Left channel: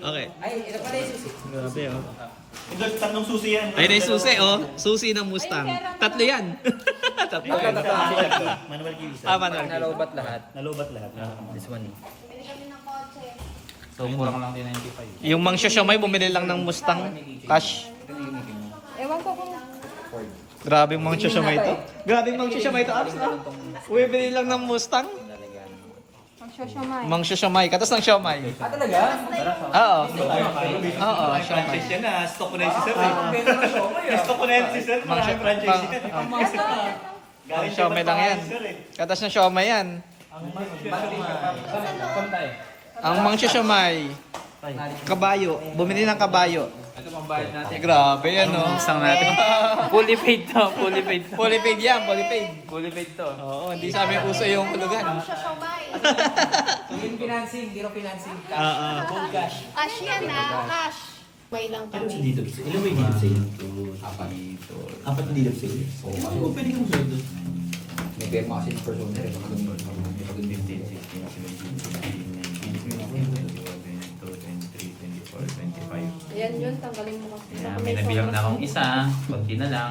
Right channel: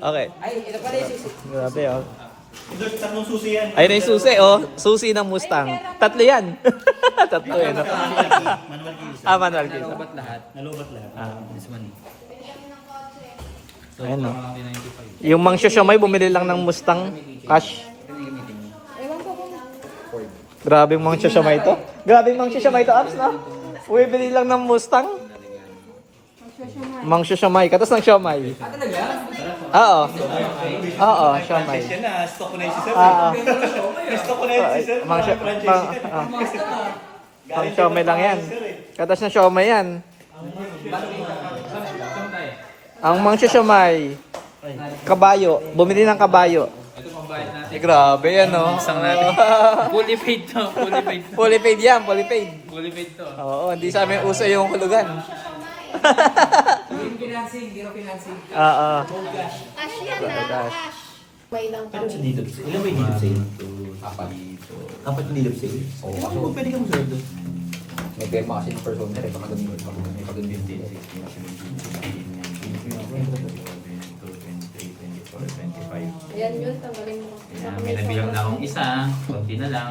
Okay. Ay, ito pala yung susi. Grabe oh. Tatlong susi yan. Ayun na yung susi oh. Susi ng Mustang. Tatlo yan. Tatlo yan. Manual key isa. Manual key. Nalobat lahat. Nalobat lahat. This one. So, Ayun, kuha oh. ko lang din 95. Yung Mang Shoshomay, bumili lang ng Mustang cash. Ito yung gamitin niyo. Ewan ko kung Ford. Grabe yung Mang Shoshomay to. Grabe yung Mang Shoshomay to, Abs, no? Bumili lang ng Mustang. magsosyamay. Mang Shoshomay, katas ng Siomay. Ah, talaga? Oo. Oo, Siomay. Franchise yan na. Stock ko na yun si sir. Ah. Stock ko na yun si sir. Mang Mga franchise yan. Mang Siomay lang yan. Katas ng Siomay yan. Ang Mang Shoshomay, kabayo. Bumili ng kabayo. Ito pang bayad natin. Grabe yan, no? Isang natin. Fully paid to. Fully paid to. Fully paid yan, fully paid. Fully paid to. Oo, hindi sa amin uso yung hulugan. Yung financing, zero financing. Oo. Cash yan ha, cash. May lang Ano sa kami. dito? Ilan ba yung dito sa'yo? Apat na dito sa'yo? Oo. Kasi kung pwede kang sweldo. May perma kasi yung person na rin. Baka ganun. May pag-ganun. 15, 16, 17, 18, 19, 20, 21, 22, 23, 24, 25. Yan yun, tanggalin mo. Kaya may nabilang na akong isa, konti na lang.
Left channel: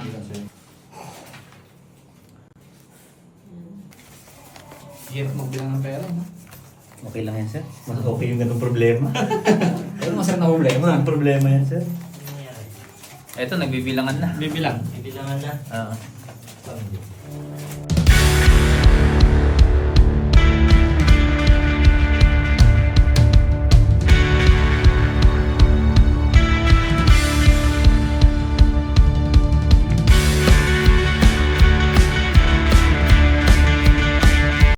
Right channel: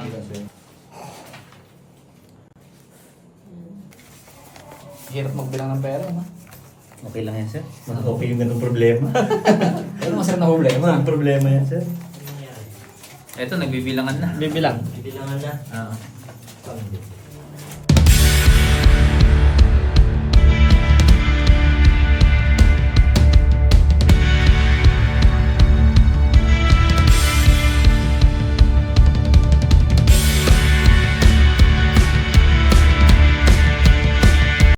Hirap magbilang ng pera, no? Okay lang yan, sir. Mas okay yung ganung problema. Pero masarap na problema. Ang problema yan, sir. Eto, nagbibilangan na. Bibilang. Bibilangan na. Oo.